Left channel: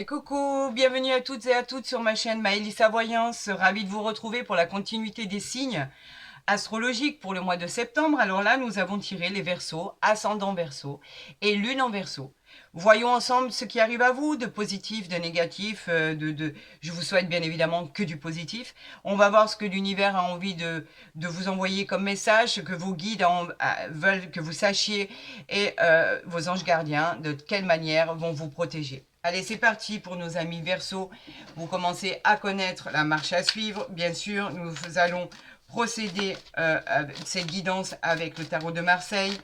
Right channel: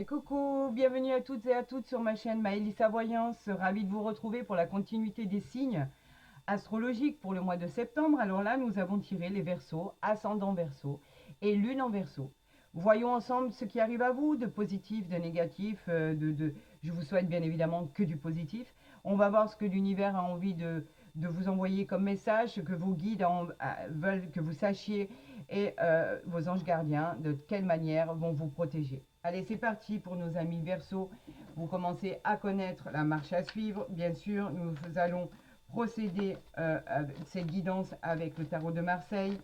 Et coucou, bienvenue à toutes et à toutes sur ma chaîne Maëlissa Voyance. Ravie de vous retrouver pour la continuité des signes astrologiques pour le mois de septembre. Alors là, nous avons tiré les Verseaux, ascendant Verseau et lune en Verseau. Voyons ensemble ce qui arrive à vous, de positif, de négatif, je vous souhaite bien évidemment que du positif. On va voir ce que l'univers a envie de vous envoyer comme message, ce que vos guides veulent que vous sachiez et vos anges gardiens, de quelle manière vont vous protéger. Allez, c'est parti pour nos amis Verseau. Vous commencez à connaître la marche à suivre. Bien sûr, nous allons procéder à cette guidance avec le tarot de Marseille.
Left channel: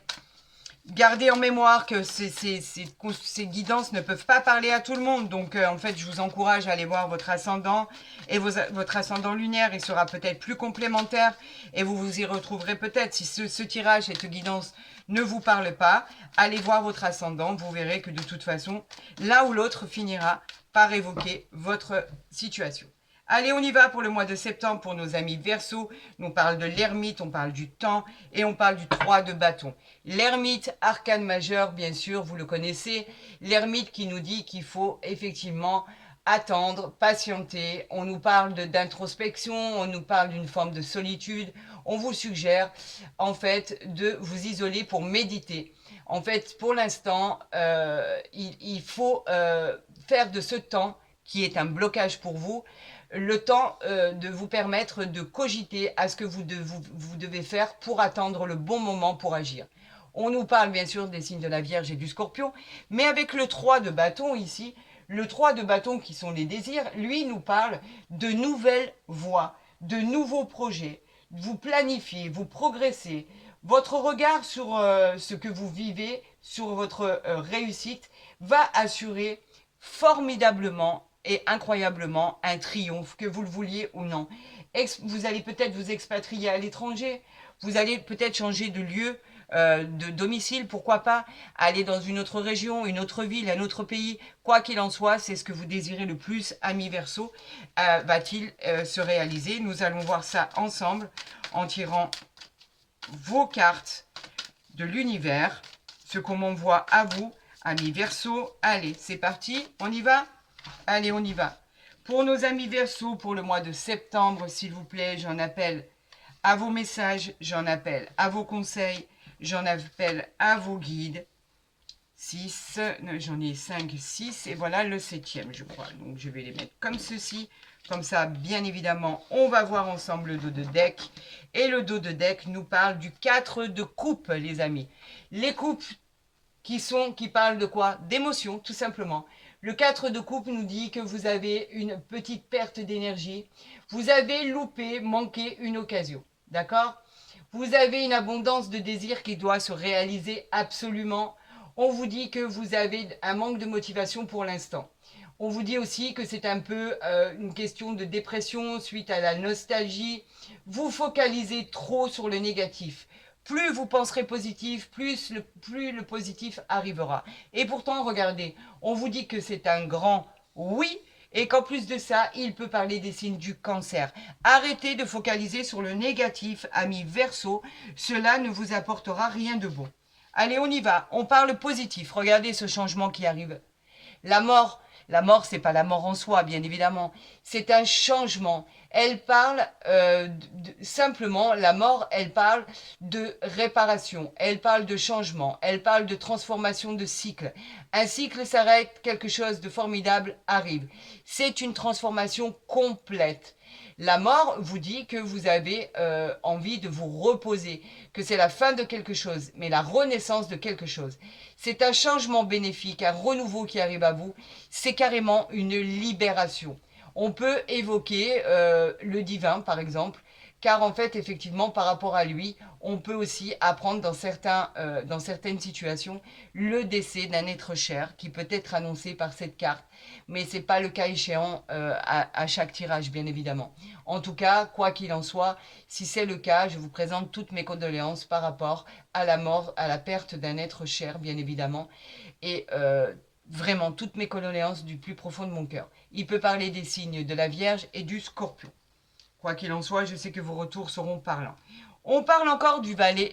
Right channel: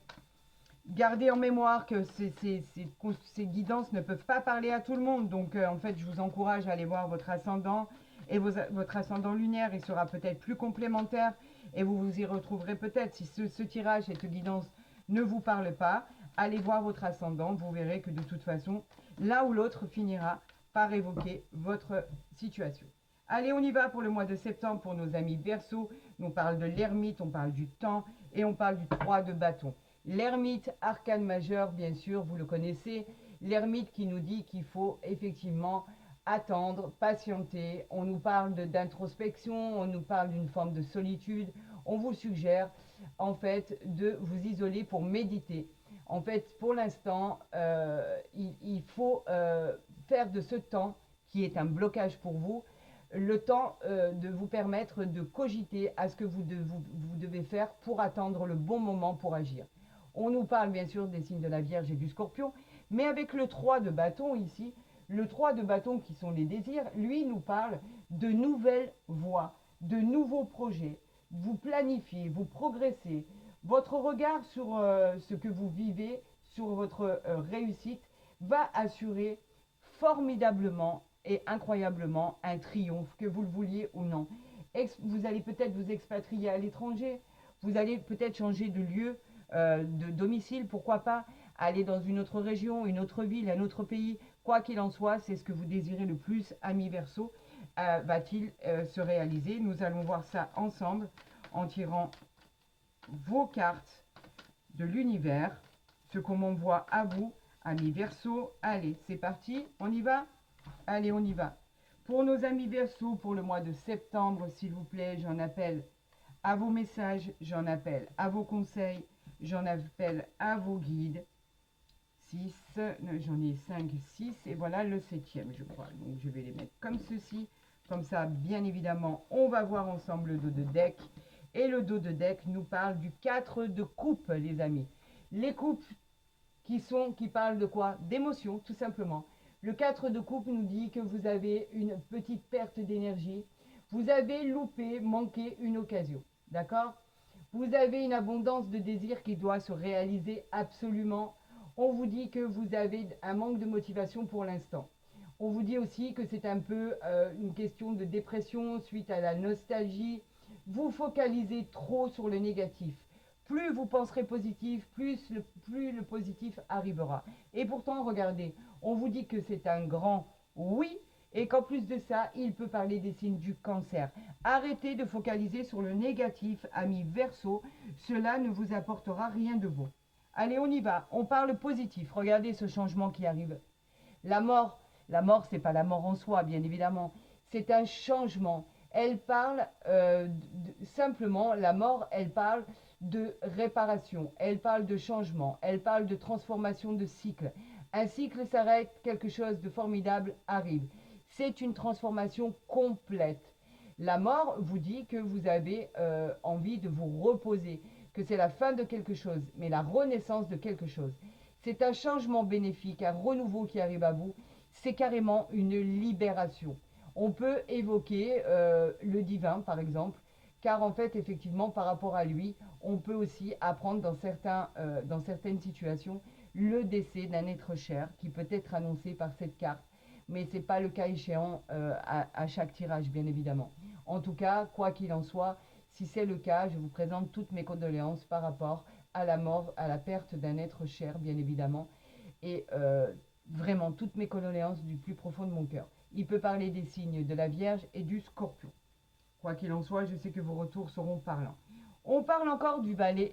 Gardez en mémoire que ces guidances ne peuvent pas parler à tout le monde. Donc, en fait, je vous encourage à aller voir votre ascendant et votre ascendant lunaire. Il sera peut-être plus complémentaire et vous vous y retrouverez peut-être. Si ce tirage, cette guidance ne vous parle pas, allez voir votre ascendant. Vous verrez que de toute façon, l'un ou l'autre finira par évoquer votre situation. Allez, on y va pour le mois de septembre pour nos amis Verseau. On parle de l'ermite, on parle du temps et on parle du 3 de bâton. L'ermite, arcane majeur, bien sûr, vous le connaissez. L'ermite qui nous dit qu'il faut effectivement attendre, patienter. On nous parle d'introspection, on nous parle d'une forme de solitude. On vous suggère en fait de vous isoler pour méditer. En fait, pour l'instant, il faut faire de ce temps qui est un blocage pour vous, le temps de vous permettre de cogiter à ce que vous devez faire pour attendre le bon moment pour agir. On nous parle bien sûr des signes de la Vierge et du Scorpion, mais avec le 3 de bâton ici, le 3 de bâton qui sont les désirs, lui nous parle de nouvelles voies, de nouveaux projets. Vous planifiez, vous progressez. Votre regard sur ce que vous vivez, sur votre réussite, va assurer formidablement et incroyablement un triomphe, que vous le vouliez ou non. Vous allez peut-être vous expatrier à l'étranger, vous allez peut-être changer de lieu, de domicile, pourquoi pas, aller dans une autre région, une autre ville, un autre pays. Quoi qu'il en soit, c'est ce que vous désirez le plus, ami Verseau, va-t-il se réaliser. Nous allons voir ça ensemble en tirant vos cartes de l'univers, ce qu'on m'envoie à vous, amis Verseau. Allez, c'est parti, on y va? Allez, on y va. Pour nos amis Verseau, pour le mois de septembre, s'il vous plaît, j'en appelle à vos messages, j'en appelle à vos conseils, j'en appelle à vos guides. 6, j'en ai 5, 6, et voilà le 7e, je crois. Donc, je vais les mettre comme ceci. Comme ça, bien évidemment, on va voir ensemble le dos de deck. Et le dos de deck nous parle du 4 de coupe, les amis. Les coupes qui parlent de quoi? D'émotion, tout simplement. Le 4 de coupe nous dit que vous avez une petite perte d'énergie. Vous avez loupé, manqué une occasion. D'accord? Vous avez une abondance de désirs qui doit se réaliser absolument. On vous dit que vous avez un manque de motivation pour l'instant. On vous dit aussi que c'est un peu une question de dépression suite à la nostalgie. Vous focalisez trop sur le négatif. Plus vous penserez positif, plus le positif arrivera. Et pourtant, regardez, on vous dit que c'est un grand oui et qu'en plus de ça, il peut parler des signes du cancer. Arrêtez de focaliser sur le négatif, ami Verseau. Cela ne vous apportera rien de bon. Allez, on y va. On parle positif. Regardez ce changement qui arrive. La mort, c'est pas la mort en soi, bien évidemment. C'est un changement. Elle parle simplement, la mort, elle parle de réparation, elle parle de changement, elle parle de transformation de cycle. Un cycle s'arrête, quelque chose de formidable arrive. C'est une transformation complète. La mort vous dit que vous avez envie de vous reposer, que c'est la fin de quelque chose, mais la renaissance de quelque chose. C'est un changement bénéfique, un renouveau qui arrive à vous. C'est carrément une libération. On peut évoquer le divin, par exemple, car en fait, effectivement, par rapport à lui, on peut aussi apprendre dans certaines situations le décès d'un être cher qui peut être annoncé par cette carte. Mais ce n'est pas le cas échéant à chaque tirage, bien évidemment. En tout cas, quoi qu'il en soit, si c'est le cas, je vous présente toutes mes condoléances par rapport à la mort, à la perte d'un être cher, bien évidemment. Et vraiment, toutes mes condoléances du plus profond de mon cœur. Il peut parler des signes de la Vierge et du Scorpion. Quoi qu'il en soit, je sais que vos retours seront parlants. On parle encore du valet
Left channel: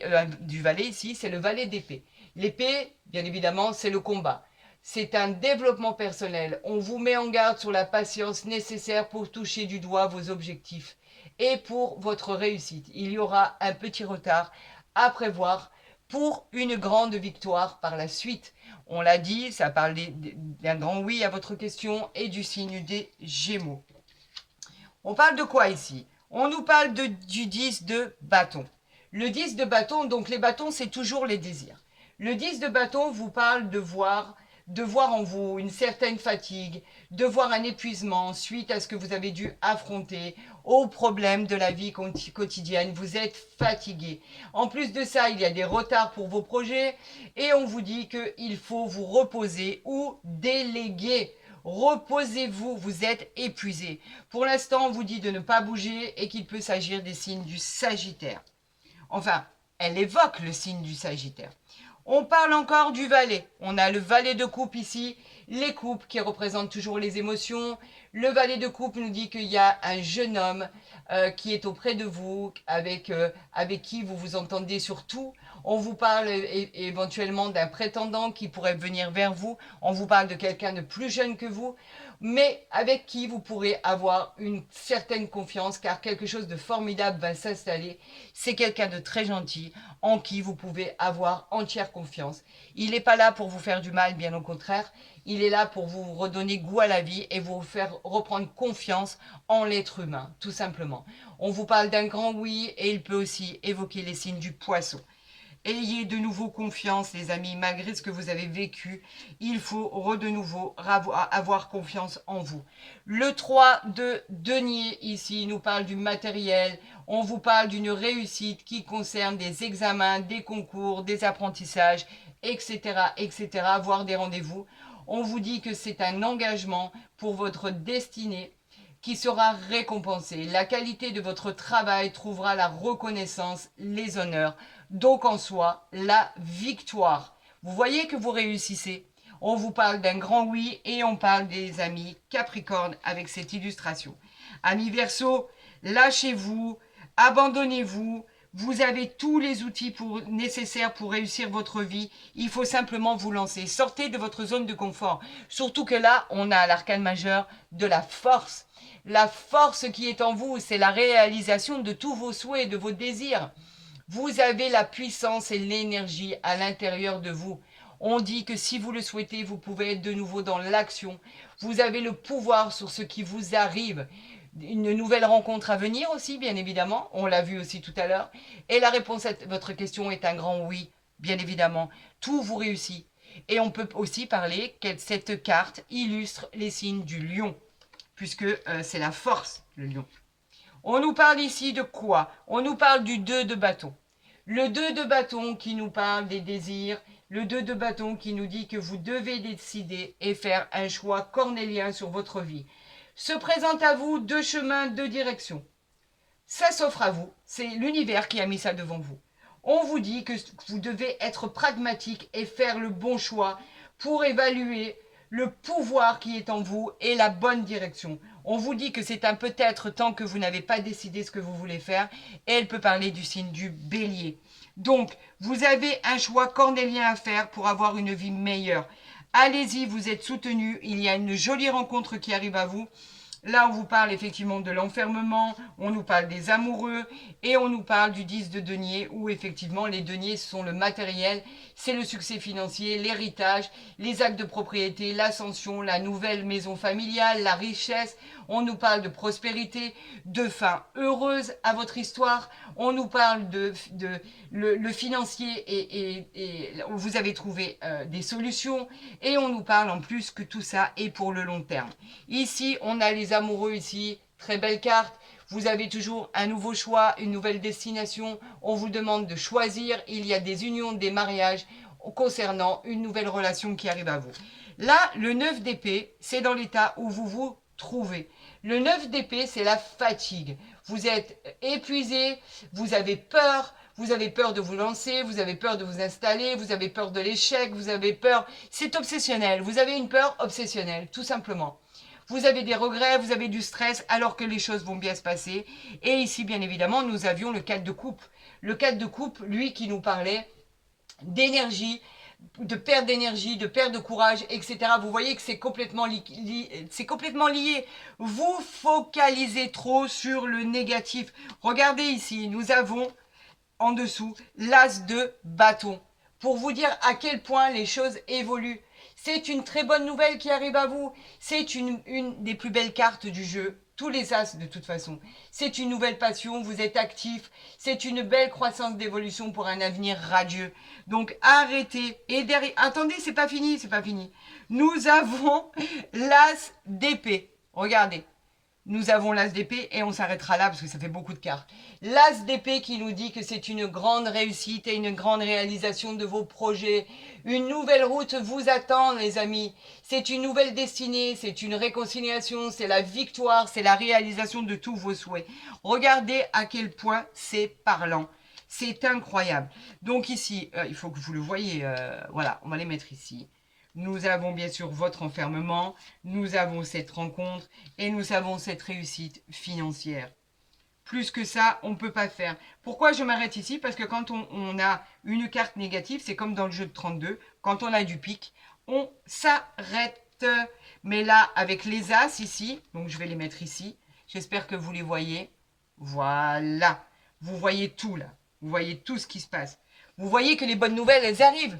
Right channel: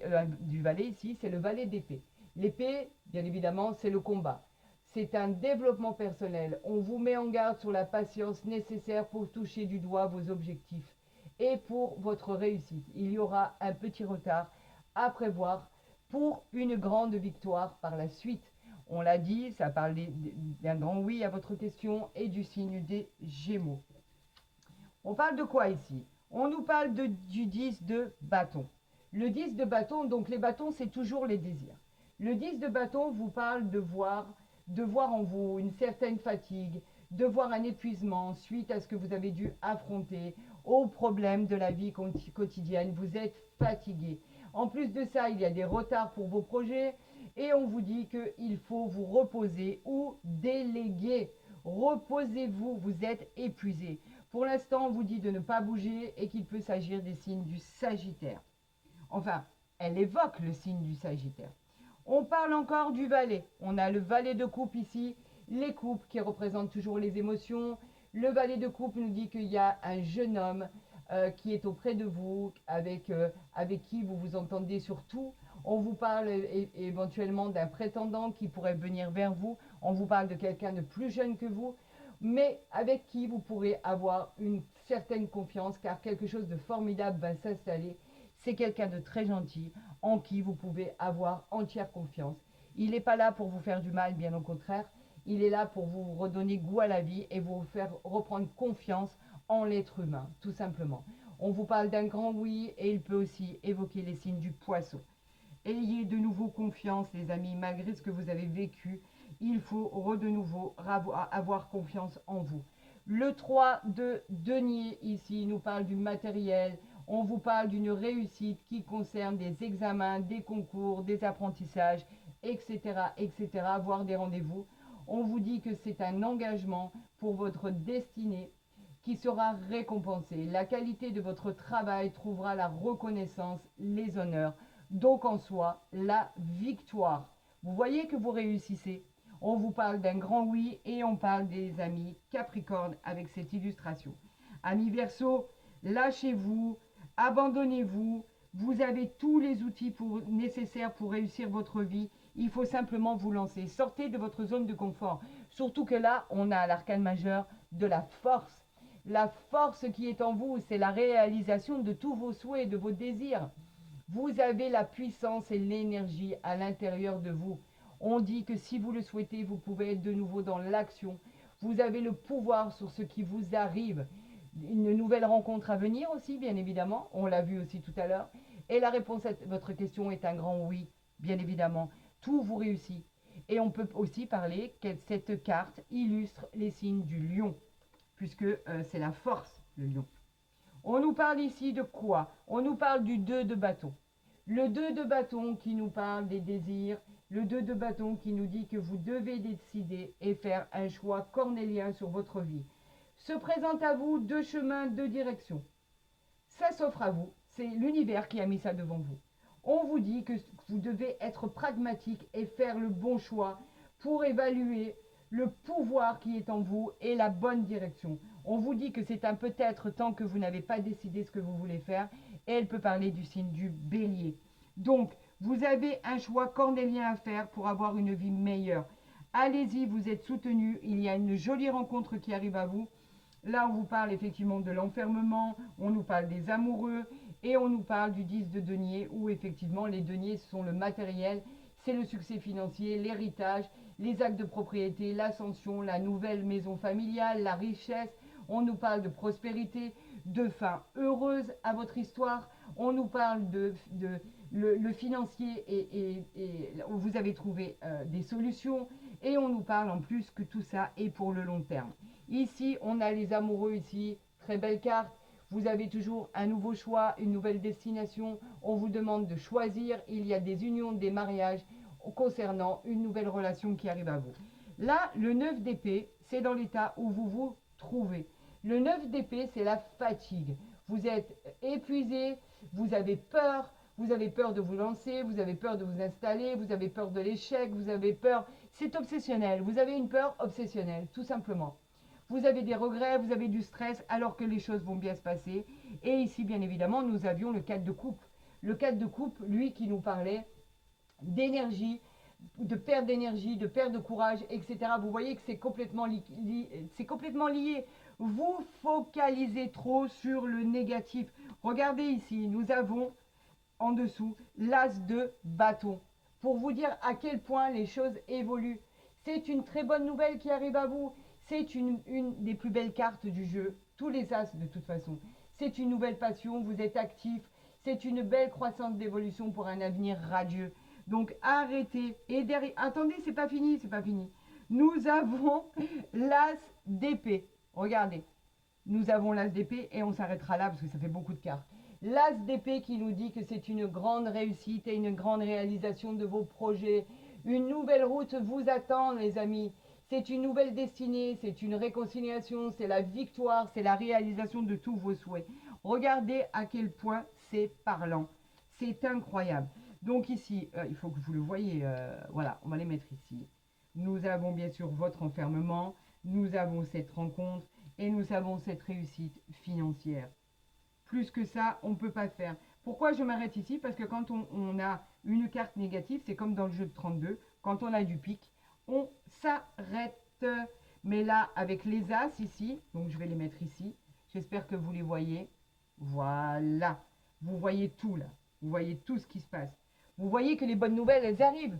ici, c'est le valet d'épée. L'épée, bien évidemment, c'est le combat. c'est un développement personnel. On vous met en garde sur la patience nécessaire pour toucher du doigt vos objectifs et pour votre réussite. Il y aura un petit retard à prévoir pour une grande victoire par la suite. On l'a dit, ça parle d'un grand oui à votre question et du signe des Gémeaux. On parle de quoi ici? On nous parle du 10 de bâton. Le 10 de bâton, donc les bâtons, c'est toujours les désirs. Le 10 de bâton vous parle de voir en vous une certaine fatigue, de voir un épuisement suite à ce que vous avez dû affronter, aux problèmes de la vie quotidienne. Vous êtes fatigué. En plus de ça, il y a des retards pour vos projets et on vous dit qu'il faut vous reposer ou déléguer. Reposez-vous, vous êtes épuisé. Pour l'instant, on vous dit de ne pas bouger et qu'il peut s'agir des signes du Sagittaire. Enfin, elle évoque le signe du Sagittaire. On parle encore du valet. On a le valet de coupe ici, les coupes qui représentent toujours les émotions. Le valet de coupe nous dit qu'il y a un jeune homme qui est auprès de vous, avec qui vous vous entendez sur tout. On vous parle éventuellement d'un prétendant qui pourrait venir vers vous. On vous parle de quelqu'un de plus jeune que vous, mais avec qui vous pourrez avoir une certaine confiance, car quelque chose de formidable va s'installer. C'est quelqu'un de très gentil, en qui vous pouvez avoir entière confiance. Il n'est pas là pour vous faire du mal, bien au contraire. Il est là pour vous redonner goût à la vie et vous faire reprendre confiance en l'être humain, tout simplement. On vous parle d'un grand oui et il peut aussi évoquer les signes du Poisson. Ayez de nouveau confiance, les amis, malgré ce que vous avez vécu. Il faut de nouveau avoir confiance en vous. Le 3 de denier, ici, nous parle du matériel. On vous parle d'une réussite qui concerne des examens, des concours, des apprentissages, etc., etc., voire des rendez-vous. On vous dit que c'est un engagement pour votre destinée qui sera récompensé. La qualité de votre travail trouvera la reconnaissance, les honneurs. Donc en soi, la victoire. Vous voyez que vous réussissez. On vous parle d'un grand oui et on parle des amis Capricorne avec cette illustration. Amis Verseau, lâchez-vous, abandonnez-vous. Vous avez tous les outils nécessaires pour réussir votre vie. Il faut simplement vous lancer. Sortez de votre zone de confort. Surtout que là, on a l'arcane majeur de la force. La force qui est en vous, c'est la réalisation de tous vos souhaits, de vos désirs. Vous avez la puissance et l'énergie à l'intérieur de vous. On dit que si vous le souhaitez, vous pouvez être de nouveau dans l'action. Vous avez le pouvoir sur ce qui vous arrive. Une nouvelle rencontre à venir aussi, bien évidemment. On l'a vu aussi tout à l'heure. Et la réponse à votre question est un grand oui, bien évidemment. Tout vous réussit. Et on peut aussi parler que cette carte illustre les signes du lion, puisque c'est la force, le lion. On nous parle ici de quoi? On nous parle du 2 de bâton. Le 2 de bâton qui nous parle des désirs, le 2 de bâton qui nous dit que vous devez décider et faire un choix cornélien sur votre vie. Se présente à vous deux chemins, deux directions. Ça s'offre à vous, c'est l'univers qui a mis ça devant vous. On vous dit que vous devez être pragmatique et faire le bon choix pour évaluer le pouvoir qui est en vous et la bonne direction. On vous dit que c'est un peut-être tant que vous n'avez pas décidé ce que vous voulez faire. Et elle peut parler du signe du bélier. Donc, vous avez un choix cornélien à faire pour avoir une vie meilleure. Allez-y, vous êtes soutenu. Il y a une jolie rencontre qui arrive à vous. Là, on vous parle effectivement de l'enfermement, on nous parle des amoureux et on nous parle du 10 de denier où effectivement les deniers sont le matériel, c'est le succès financier, l'héritage, les actes de propriété, l'ascension, la nouvelle maison familiale, la richesse. On nous parle de prospérité, de fin heureuse à votre histoire. On nous parle de le financier et vous avez trouvé des solutions. Et on nous parle en plus que tout ça est pour le long terme. Ici, on a les amoureux ici. Très belle carte. Vous avez toujours un nouveau choix, une nouvelle destination. On vous demande de choisir. Il y a des unions, des mariages concernant une nouvelle relation qui arrive à vous. Là, le 9 d'épée, c'est dans l'état où vous vous trouvez. Le 9 d'épée, c'est la fatigue. Vous êtes épuisé, vous avez peur de vous lancer, vous avez peur de vous installer, vous avez peur de l'échec, vous avez peur... C'est obsessionnel, vous avez une peur obsessionnelle, tout simplement. Vous avez des regrets, vous avez du stress, alors que les choses vont bien se passer. Et ici, bien évidemment, nous avions le 4 de coupe. Le 4 de coupe, lui, qui nous parlait d'énergie, de perte d'énergie, de perte de courage, etc. Vous voyez que c'est complètement lié. Vous focalisez trop sur le négatif. Regardez ici, nous avons en dessous l'as de bâton. Pour vous dire à quel point les choses évoluent. C'est une très bonne nouvelle qui arrive à vous. C'est une des plus belles cartes du jeu. Tous les as de toute façon. C'est une nouvelle passion, vous êtes actif. C'est une belle croissance d'évolution pour un avenir radieux. Donc arrêtez. Et derrière, attendez, c'est pas fini, c'est pas fini. Nous avons l'as d'épée. Regardez. Nous avons l'as d'épée et on s'arrêtera là parce que ça fait beaucoup de cartes. L'as d'épée qui nous dit que c'est une grande réussite et une grande réalisation de vos projets. Une nouvelle route vous attend, les amis. C'est une nouvelle destinée, c'est une réconciliation, c'est la victoire, c'est la réalisation de tous vos souhaits. Regardez à quel point c'est parlant. C'est incroyable. Donc ici, il faut que vous le voyez. Voilà, on va les mettre ici. Nous avons bien sûr votre enfermement, nous avons cette rencontre et nous avons cette réussite financière. Plus que ça, on ne peut pas faire. Pourquoi je m'arrête ici? Parce que quand on a une carte négative, c'est comme dans le jeu de 32, quand on a du pic, on s'arrête. Mais là, avec les as ici, donc je vais les mettre ici, j'espère que vous les voyez. Voilà, vous voyez tout là, vous voyez tout ce qui se passe. Vous voyez que les bonnes nouvelles, elles arrivent.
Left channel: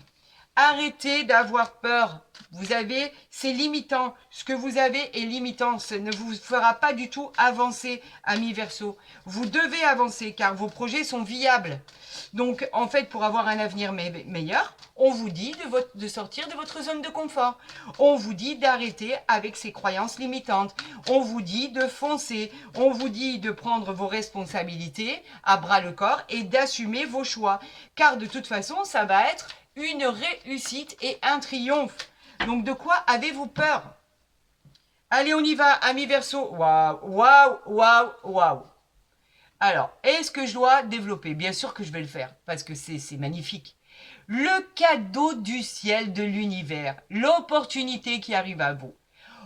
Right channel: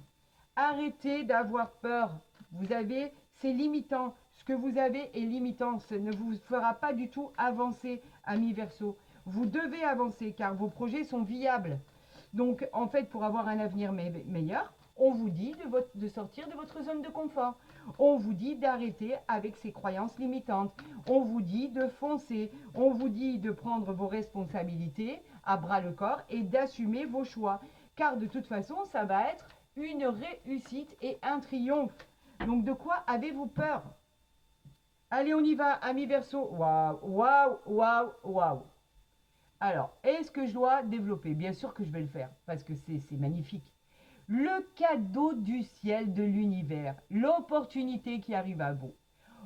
Arrêtez d'avoir peur. Vous avez, c'est limitant. Ce que vous avez est limitant. Ça ne vous fera pas du tout avancer, ami Verseau. Vous devez avancer car vos projets sont viables. Donc, en fait, pour avoir un avenir meilleur, on vous dit de sortir de votre zone de confort. On vous dit d'arrêter avec ces croyances limitantes. On vous dit de foncer. On vous dit de prendre vos responsabilités à bras le corps et d'assumer vos choix. Car de toute façon, ça va être une réussite et un triomphe. Donc de quoi avez-vous peur? Allez, on y va, ami Verseau. Waouh, waouh, waouh, waouh. Alors, est-ce que je dois développer? Bien sûr que je vais le faire, parce que c'est magnifique. Le cadeau du ciel, de l'univers, l'opportunité qui arrive à vous.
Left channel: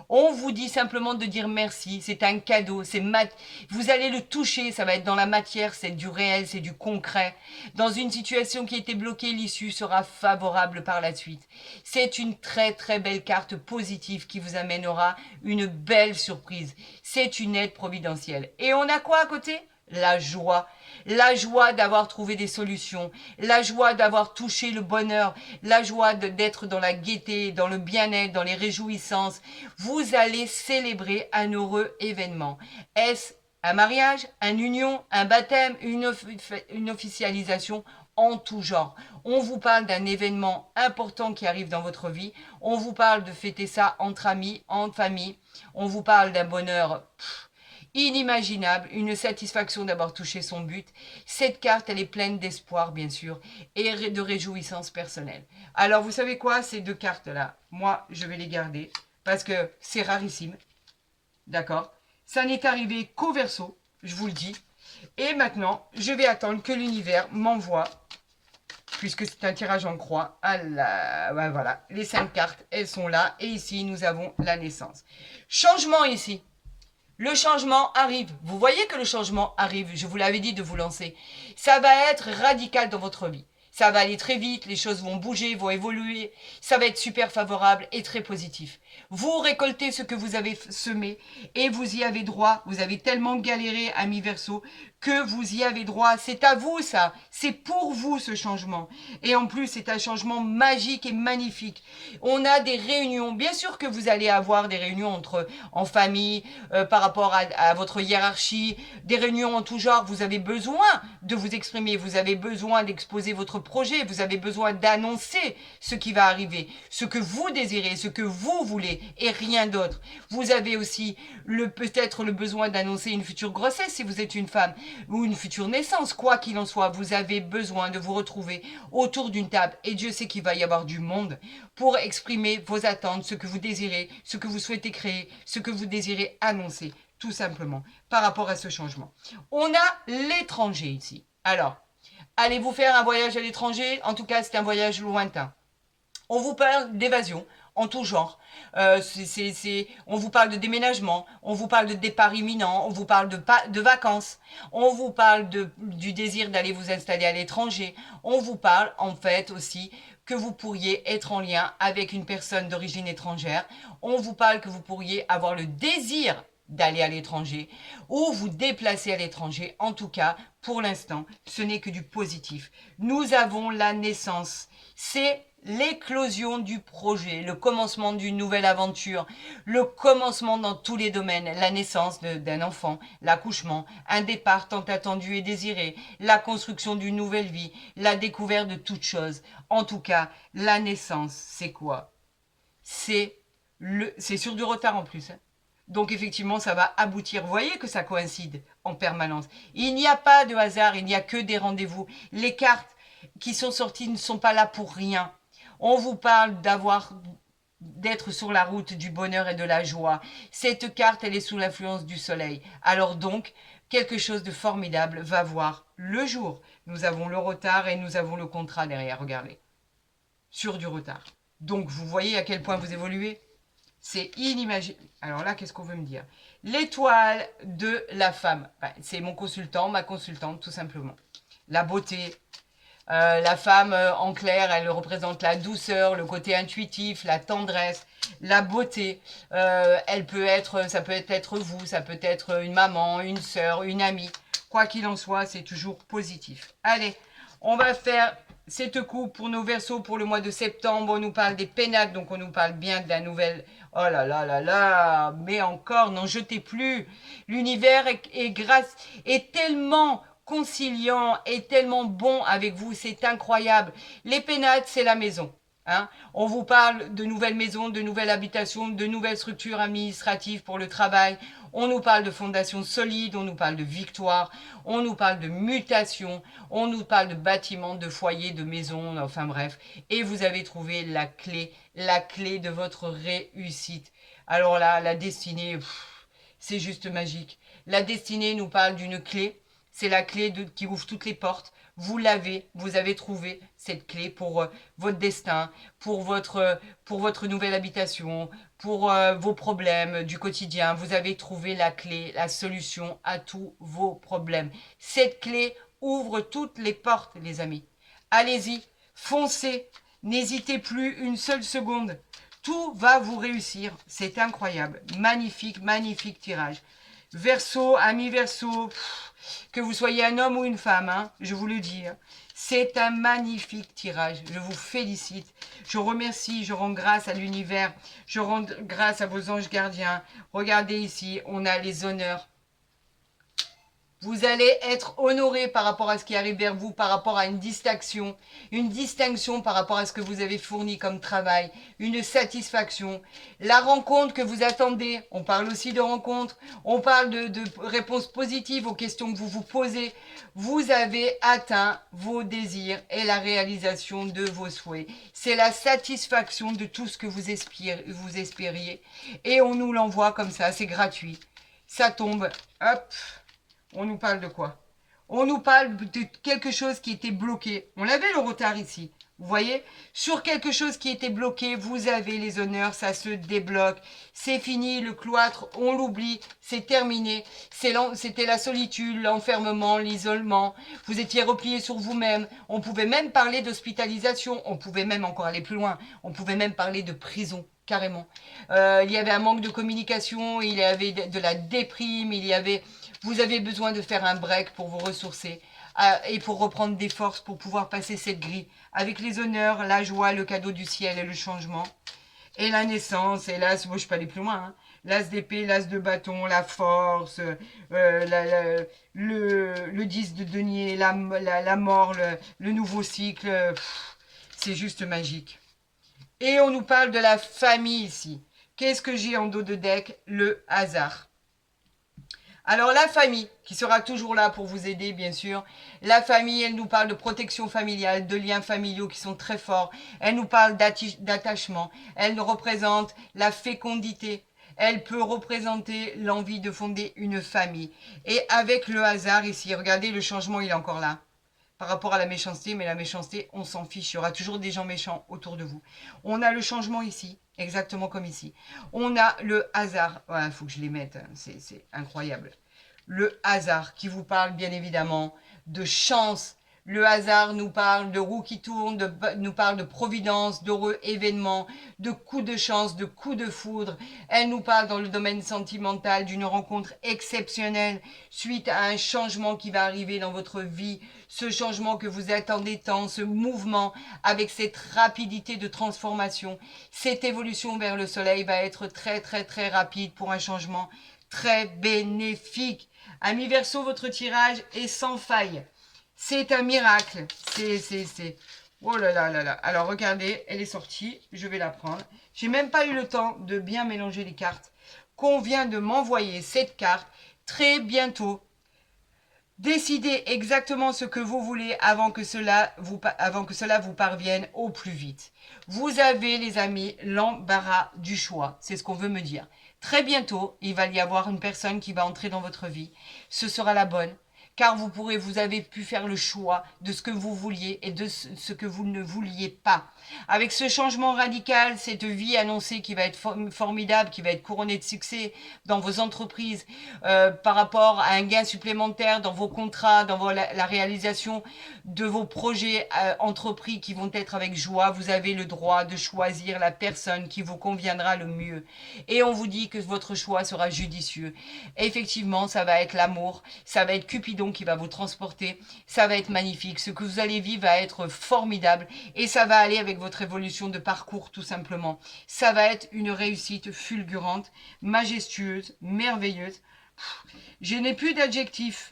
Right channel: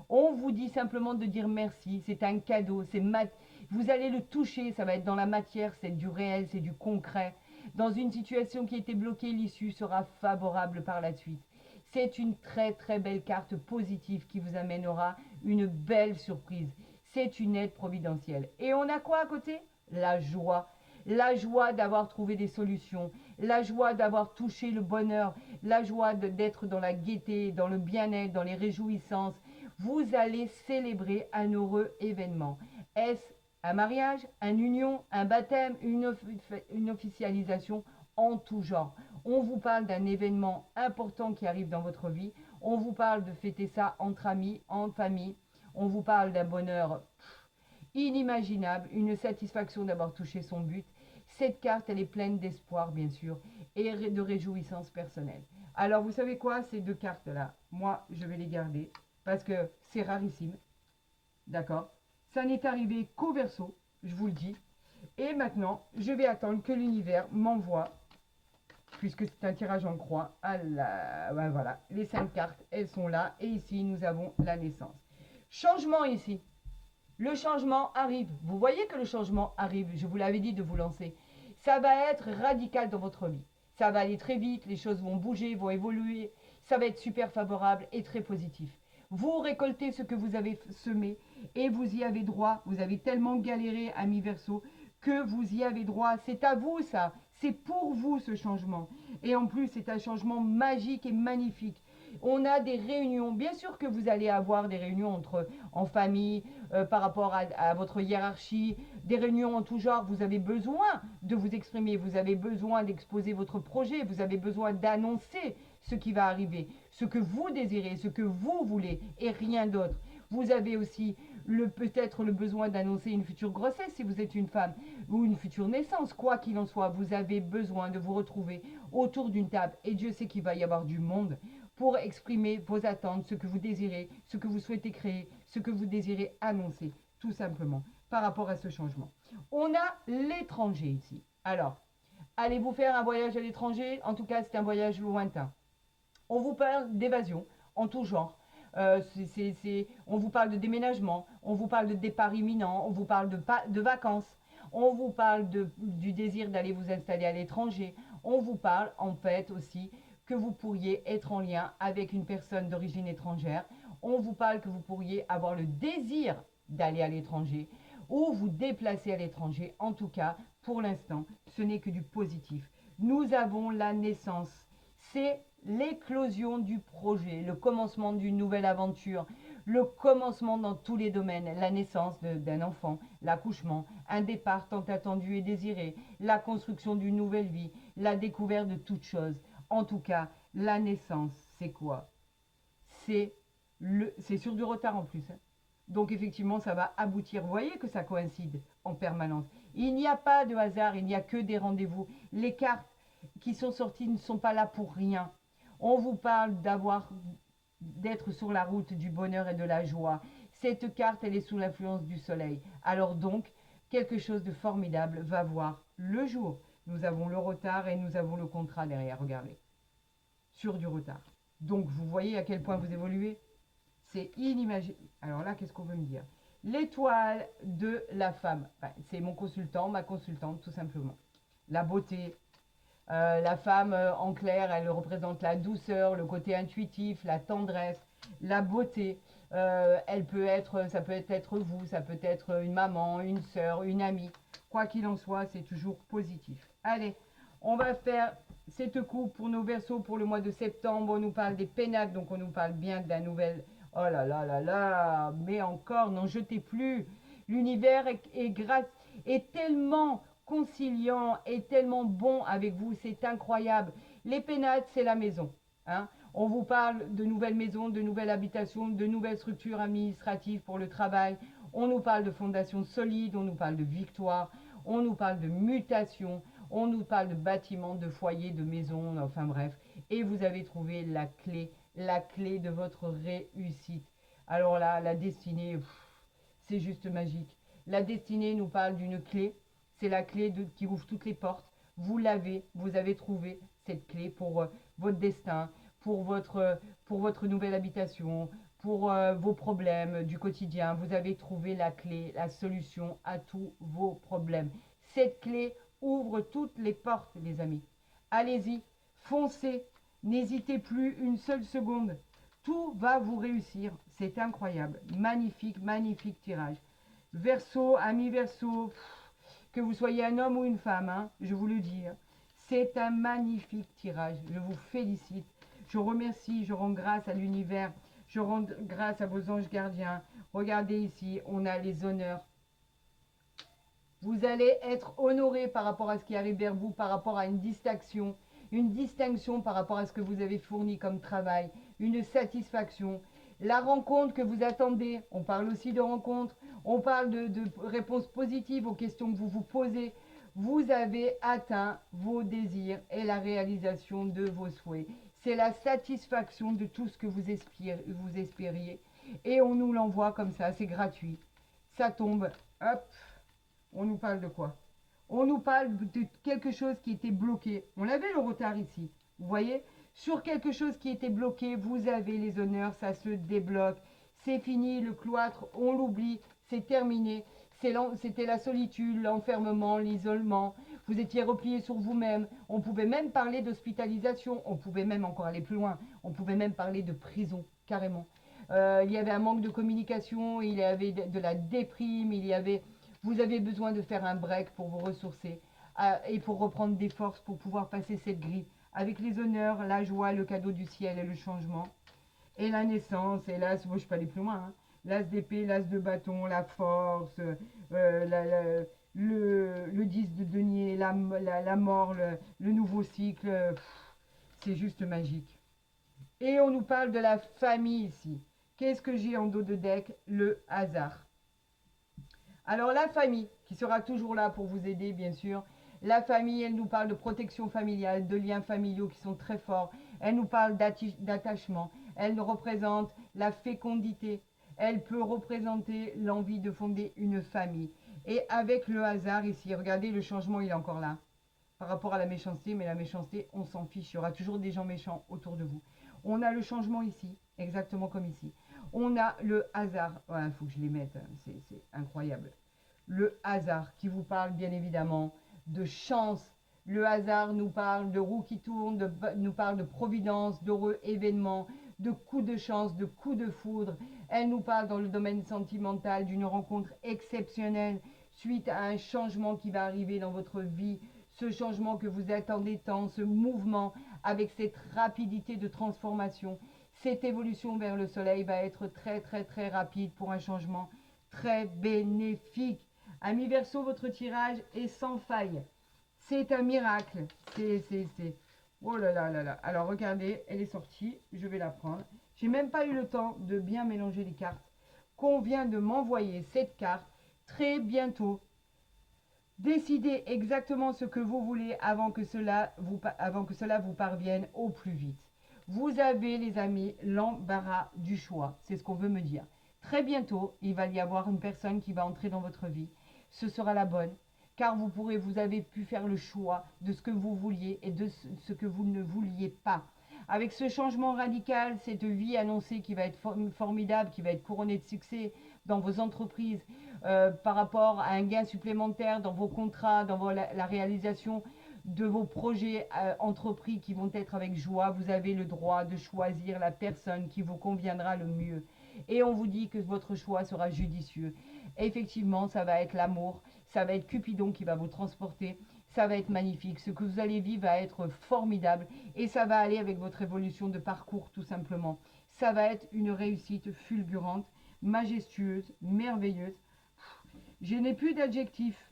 On vous dit simplement de dire merci, c'est un cadeau, vous allez le toucher, ça va être dans la matière, c'est du réel, c'est du concret. Dans une situation qui était bloquée, l'issue sera favorable par la suite. C'est une très très belle carte positive qui vous amènera une belle surprise. C'est une aide providentielle. Et on a quoi à côté? La joie. La joie d'avoir trouvé des solutions, la joie d'avoir touché le bonheur, la joie d'être dans la gaieté, dans le bien-être, dans les réjouissances. Vous allez célébrer un heureux événement. Est-ce un mariage, une union, un baptême, une officialisation en tout genre? On vous parle d'un événement important qui arrive dans votre vie. On vous parle de fêter ça entre amis, en famille. On vous parle d'un bonheur inimaginable, une satisfaction d'avoir touché son but. Cette carte, elle est pleine d'espoir, bien sûr, et de réjouissance personnelle. Alors, vous savez quoi? Ces deux cartes-là, moi, je vais les garder, parce que c'est rarissime, d'accord? Ça n'est arrivé qu'au Verseau, je vous le dis. Et maintenant, je vais attendre que l'univers m'envoie, puisque c'est un tirage en croix, ouais, voilà, les 5 cartes, elles sont là, et ici, nous avons la naissance. Changement ici. Le changement arrive. Vous voyez que le changement arrive. Je vous l'avais dit de vous lancer. Ça va être radical dans votre vie. Ça va aller très vite, les choses vont bouger, vont évoluer. Ça va être super favorable et très positif. Vous récoltez ce que vous avez semé et vous y avez droit. Vous avez tellement galéré, ami Verseau, que vous y avez droit. C'est à vous ça. C'est pour vous ce changement. Et en plus, c'est un changement magique et magnifique. On a des réunions. Bien sûr que vous allez avoir des réunions en famille, par rapport à votre hiérarchie, des réunions en tout genre. Vous avez besoin de vous exprimer. Vous avez besoin d'exposer votre projet. Vous avez besoin d'annoncer ce qui va arriver, ce que vous désirez, ce que vous voulez et rien d'autre. Vous avez aussi peut-être le besoin d'annoncer une future grossesse si vous êtes une femme ou une future naissance. Quoi qu'il en soit, vous avez besoin de vous retrouver autour d'une table et Dieu sait qu'il va y avoir du monde pour exprimer vos attentes, ce que vous désirez, ce que vous souhaitez créer, ce que vous désirez annoncer, tout simplement, par rapport à ce changement. On a l'étranger ici. Alors, allez-vous faire un voyage à l'étranger? En tout cas, c'est un voyage lointain. On vous parle d'évasion en tout genre. On vous parle de déménagement, on vous parle de départ imminent, on vous parle de vacances, on vous parle du désir d'aller vous installer à l'étranger, on vous parle en fait aussi que vous pourriez être en lien avec une personne d'origine étrangère. On vous parle que vous pourriez avoir le désir d'aller à l'étranger ou vous déplacer à l'étranger. En tout cas, pour l'instant, ce n'est que du positif. Nous avons la naissance. C'est l'éclosion du projet, le commencement d'une nouvelle aventure, le commencement dans tous les domaines, la naissance d'un enfant, l'accouchement, un départ tant attendu et désiré, la construction d'une nouvelle vie, la découverte de toutes choses. En tout cas, la naissance, c'est quoi? C'est sur du retard en plus. Hein. Donc effectivement, ça va aboutir. Vous voyez que ça coïncide en permanence. Il n'y a pas de hasard, il n'y a que des rendez-vous. Les cartes qui sont sorties ne sont pas là pour rien. On vous parle d'être sur la route du bonheur et de la joie. Cette carte, elle est sous l'influence du soleil. Alors donc, quelque chose de formidable va voir le jour. Nous avons le retard et nous avons le contrat derrière, regardez. Sur du retard. Donc, vous voyez à quel point vous évoluez. C'est inimaginable. Alors là, qu'est-ce qu'on veut me dire? L'étoile de la femme. C'est mon consultant, ma consultante, tout simplement. La beauté. La femme, en clair, elle représente la douceur, le côté intuitif, la tendresse, la beauté. Ça peut être vous, ça peut être une maman, une sœur, une amie. Quoi qu'il en soit, c'est toujours positif. Allez, on va faire cette coupe pour nos Verseaux pour le mois de septembre. On nous parle des pénacles, donc on nous parle bien de la nouvelle. Oh là là là là, mais encore, n'en jetez plus. L'univers est tellement conciliant et tellement bon avec vous, c'est incroyable. Les pénacles, c'est la maison. Hein. On vous parle de nouvelles maisons, de nouvelles habitations, de nouvelles structures administratives pour le travail. On nous parle de fondations solides, on nous parle de victoire, on nous parle de mutation, on nous parle de bâtiments, de foyers, de maisons, enfin bref. Et vous avez trouvé la clé de votre réussite. Alors là, la destinée, c'est juste magique. La destinée nous parle d'une clé. C'est la clé qui ouvre toutes les portes. Vous avez trouvé cette clé pour votre destin, pour votre nouvelle habitation, pour vos problèmes du quotidien. Vous avez trouvé la clé, la solution à tous vos problèmes. Cette clé ouvre toutes les portes, les amis. Allez-y, foncez, n'hésitez plus une seule seconde. Tout va vous réussir. C'est incroyable. Magnifique, magnifique tirage. Verseau, ami Verseau, que vous soyez un homme ou une femme, hein, je vous le dis, hein, c'est un magnifique tirage. Je vous félicite. Je remercie, je rends grâce à l'univers, je rends grâce à vos anges gardiens. Regardez ici, on a les honneurs. Vous allez être honoré par rapport à ce qui arrive vers vous, par rapport à une distinction par rapport à ce que vous avez fourni comme travail, une satisfaction, la rencontre que vous attendez. On parle aussi de rencontre, on parle de réponses positives aux questions que vous vous posez. Vous avez atteint vos désirs et la réalisation de vos souhaits. C'est la satisfaction de tout ce que vous espériez. Et on nous l'envoie comme ça, c'est gratuit. Ça tombe, hop. On nous parle de quoi? On nous parle de quelque chose qui était bloqué. On avait le retard ici. Vous voyez? Sur quelque chose qui était bloqué, vous avez les honneurs, ça se débloque. C'est fini, le cloître, on l'oublie, c'est terminé. C'était la solitude, l'enfermement, l'isolement. Vous étiez replié sur vous-même. On pouvait même parler d'hospitalisation. On pouvait même encore aller plus loin. On pouvait même parler de prison, carrément. Il y avait un manque de communication, il y avait de la déprime, vous avez besoin de faire un break pour vous ressourcer et pour reprendre des forces pour pouvoir passer cette grille avec les honneurs, la joie, le cadeau du ciel et le changement. Et la naissance, et là, je ne peux pas aller plus loin, hein. L'as d'épée, l'as de bâton, la force, le 10 de denier, la mort, le nouveau cycle, c'est juste magique. Et on nous parle de la famille ici. Qu'est-ce que j'ai en dos de deck? Le hasard. Alors la famille, qui sera toujours là pour vous aider, bien sûr. La famille, elle nous parle de protection familiale, de liens familiaux qui sont très forts. Elle nous parle d'attachement. Elle nous représente la fécondité. Elle peut représenter l'envie de fonder une famille. Et avec le hasard ici, regardez, le changement, il est encore là. Par rapport à la méchanceté, mais la méchanceté, on s'en fiche. Il y aura toujours des gens méchants autour de vous. On a le changement ici, exactement comme ici. On a le hasard. Voilà, il faut que je les mette. C'est incroyable. Le hasard qui vous parle bien évidemment de chance, Le hasard nous parle de roues qui tournent, nous parle de providence, d'heureux événements, de coups de chance, de coups de foudre. Elle nous parle dans le domaine sentimental d'une rencontre exceptionnelle suite à un changement qui va arriver dans votre vie. Ce changement que vous attendez tant, ce mouvement avec cette rapidité de transformation, cette évolution vers le soleil va être très très très rapide pour un changement très bénéfique. Ami Verseau, votre tirage est sans faille. C'est un miracle. C'est. Oh là là là là. Alors regardez, elle est sortie. Je vais la prendre. J'ai même pas eu le temps de bien mélanger les cartes. Qu'on vient de m'envoyer cette carte très bientôt. Décidez exactement ce que vous voulez avant que cela vous parvienne au plus vite. Vous avez, les amis, l'embarras du choix. C'est ce qu'on veut me dire. Très bientôt, il va y avoir une personne qui va entrer dans votre vie. Ce sera la bonne, car vous avez pu faire le choix de ce que vous vouliez et de ce que vous ne vouliez pas. Avec ce changement radical, cette vie annoncée qui va être formidable, qui va être couronnée de succès dans vos entreprises, par rapport à un gain supplémentaire dans vos contrats, dans la réalisation de vos projets entrepris qui vont être avec joie, vous avez le droit de choisir la personne qui vous conviendra le mieux. Et on vous dit que votre choix sera judicieux. Et effectivement, ça va être l'amour, ça va être Cupidon qui va vous transporter, ça va être magnifique. Ce que vous allez vivre va être formidable et ça va aller avec votre évolution de parcours tout simplement. Ça va être une réussite fulgurante, majestueuse, merveilleuse. Je n'ai plus d'adjectifs,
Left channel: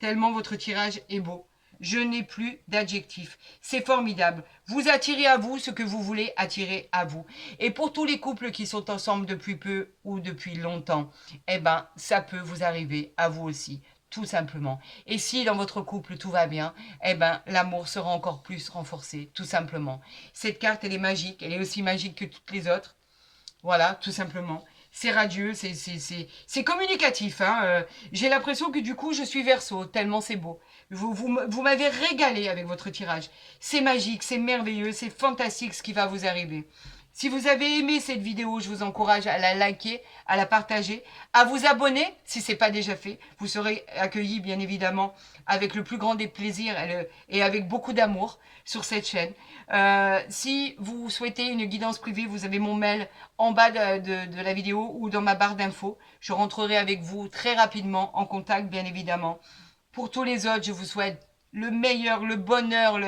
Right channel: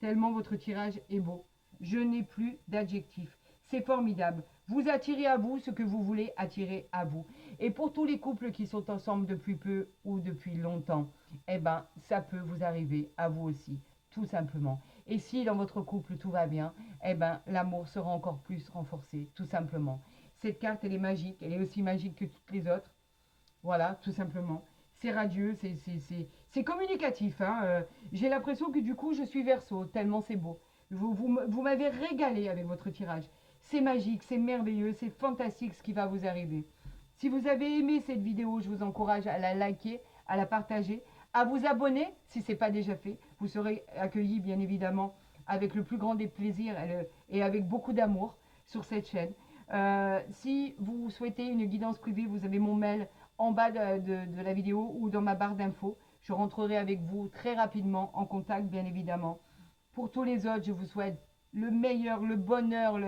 tellement votre tirage est beau. Je n'ai plus d'adjectifs. C'est formidable. Vous attirez à vous ce que vous voulez attirer à vous. Et pour tous les couples qui sont ensemble depuis peu ou depuis longtemps, eh ben, ça peut vous arriver à vous aussi, tout simplement. Et si dans votre couple tout va bien, eh ben, l'amour sera encore plus renforcé, tout simplement. Cette carte, elle est magique. Elle est aussi magique que toutes les autres. Voilà, tout simplement. C'est radieux, c'est communicatif. Hein. J'ai l'impression que du coup, je suis Verseau, tellement c'est beau. Vous m'avez régalé avec votre tirage. C'est magique, c'est merveilleux, c'est fantastique ce qui va vous arriver. Si vous avez aimé cette vidéo, je vous encourage à la liker, à la partager, à vous abonner si ce n'est pas déjà fait. Vous serez accueillis bien évidemment avec le plus grand des plaisirs et avec beaucoup d'amour sur cette chaîne. Si vous souhaitez une guidance privée, vous avez mon mail en bas de la vidéo ou dans ma barre d'infos. Je rentrerai avec vous très rapidement en contact, bien évidemment. Pour tous les autres, je vous souhaite le meilleur, le bonheur,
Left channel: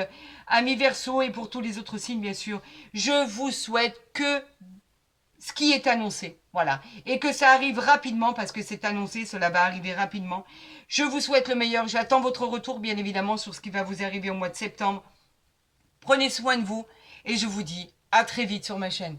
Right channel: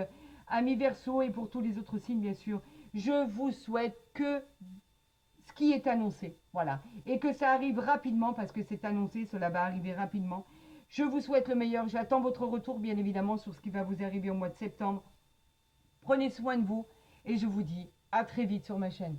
ami Verseau, et pour tous les autres signes, bien sûr. Je vous souhaite que ce qui est annoncé, voilà. Et que ça arrive rapidement, parce que c'est annoncé, cela va arriver rapidement. Je vous souhaite le meilleur. J'attends votre retour, bien évidemment, sur ce qui va vous arriver au mois de septembre. Prenez soin de vous et je vous dis à très vite sur ma chaîne.